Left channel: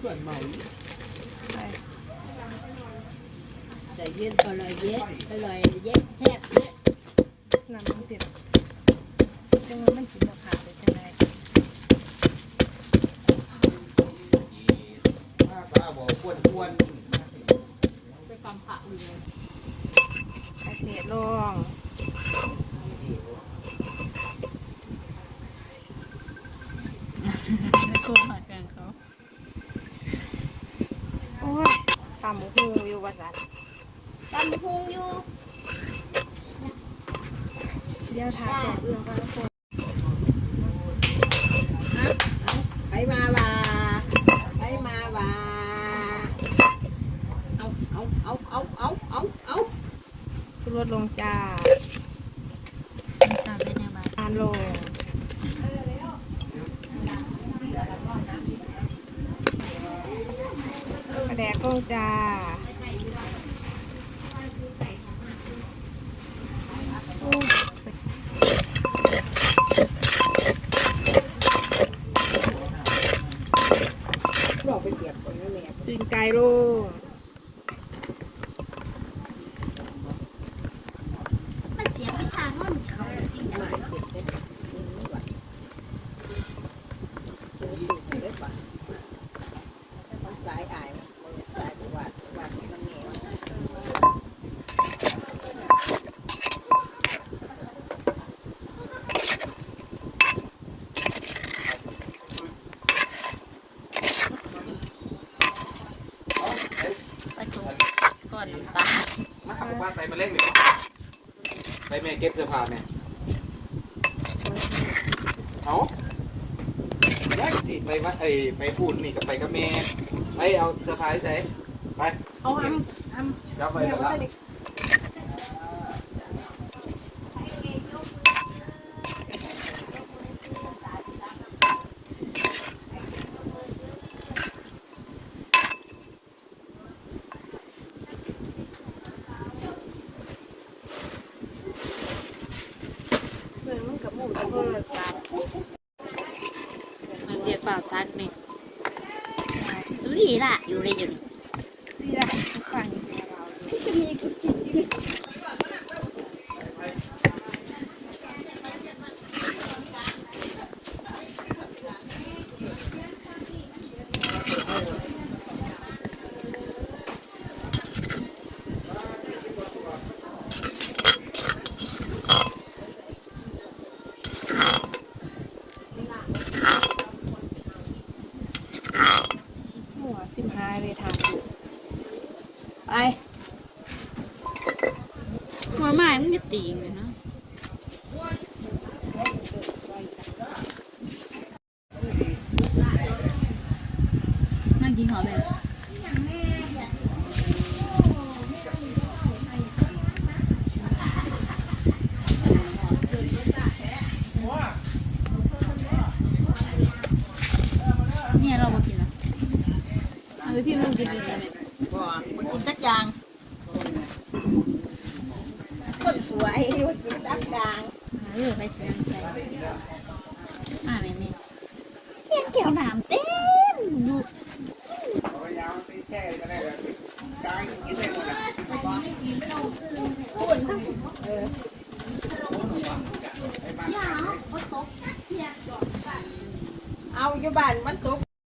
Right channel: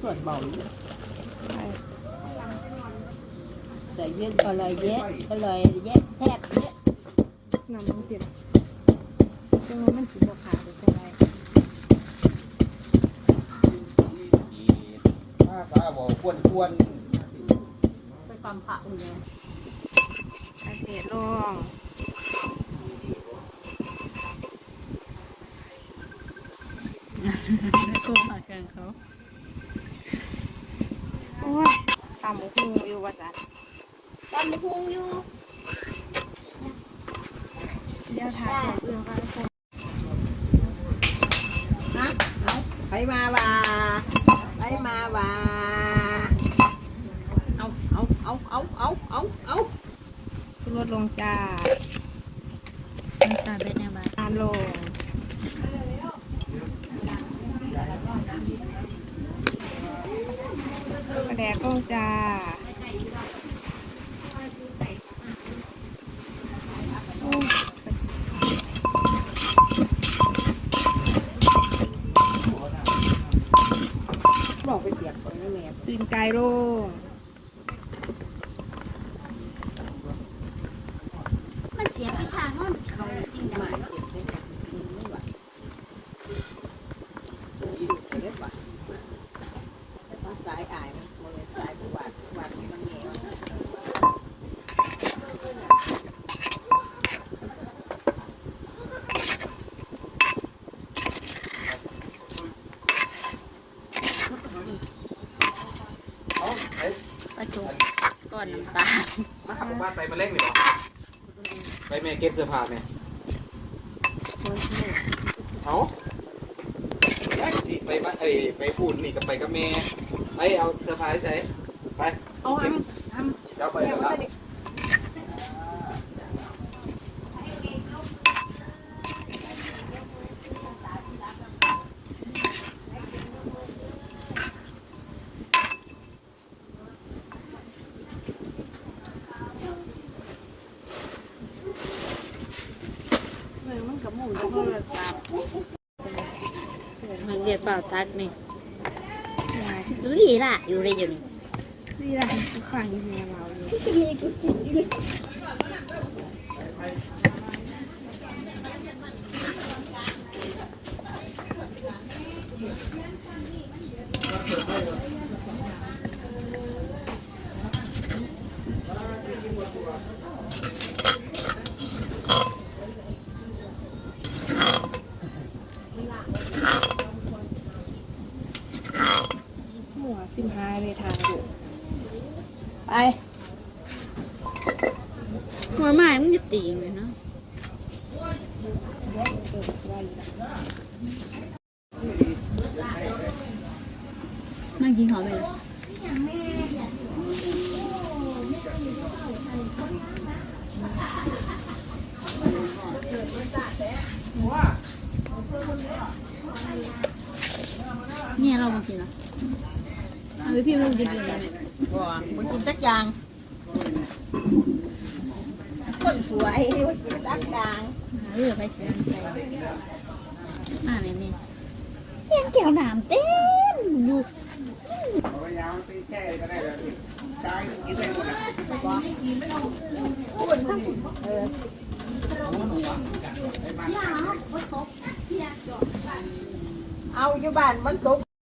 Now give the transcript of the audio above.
ส่วนเบาใช่เย็นอร่อยเยอะอร่อยเยอะแทบเยอะน้ำมันเผ็ดจังว่ามันสิบ่ขาดไปจังไดถ้าสาวบอกควรควรไปฟังพระอยู่ไงใส่เผ็ดลงโกงหากันเขาโอ้ย ตามหมูฮูอยู่ว่าจันตำบักหุงอยู่ เดี๋ยวถ่ายเสร็จเรื่องก็ใส่ฮะเอาไปมาว่าไปมาว่าเอาเอาเอาเอาเอาเอาเอาชูรสลงจ้าน้ำตาลไปในบ้านตามลง กระแดกลงจ้าโอ้ยบอกไปเสียบคนนี้แม่ตีนไก่ลมันเสียไปทางว่ามันเขาจริงมาเสียบได้นไม่ไหวโอ้ยดูไปได้ปะมันสายอายมันสายประวัติประวัติมันเหนียว ประจุก้อ น้ำตาลมาขับบ้านไปมาเล่นหรือไปแม่เก็บเสื้อผ้าแม่เอาแรกสิไปบ้านไอ้ไปพูดนี่กับไปกับแม่ไปเอาเสื้อผ้าใส่ไปเอาอันอันเดี๋ยวไปแล้ว มันจะ มันเรียกเปล่าทักนี่ดูดีล่ะอยู่เลยอยู่นี่นี่แหละฝั่งแม่เราเนี่ยหัว สิบห้าเลยทางไปมาใหม่มึงจะตีเลยเนาะนั่งกินหอมเลยเนี่ยเรามากินละ รือพี่มันกินเองมันกินตะจาง คนสวยมันกินตะจางเออไปเสียใจมาไหนนี่เห็นแก้วน้ำเต็มอยู่เอาอยู่บ้านมันตก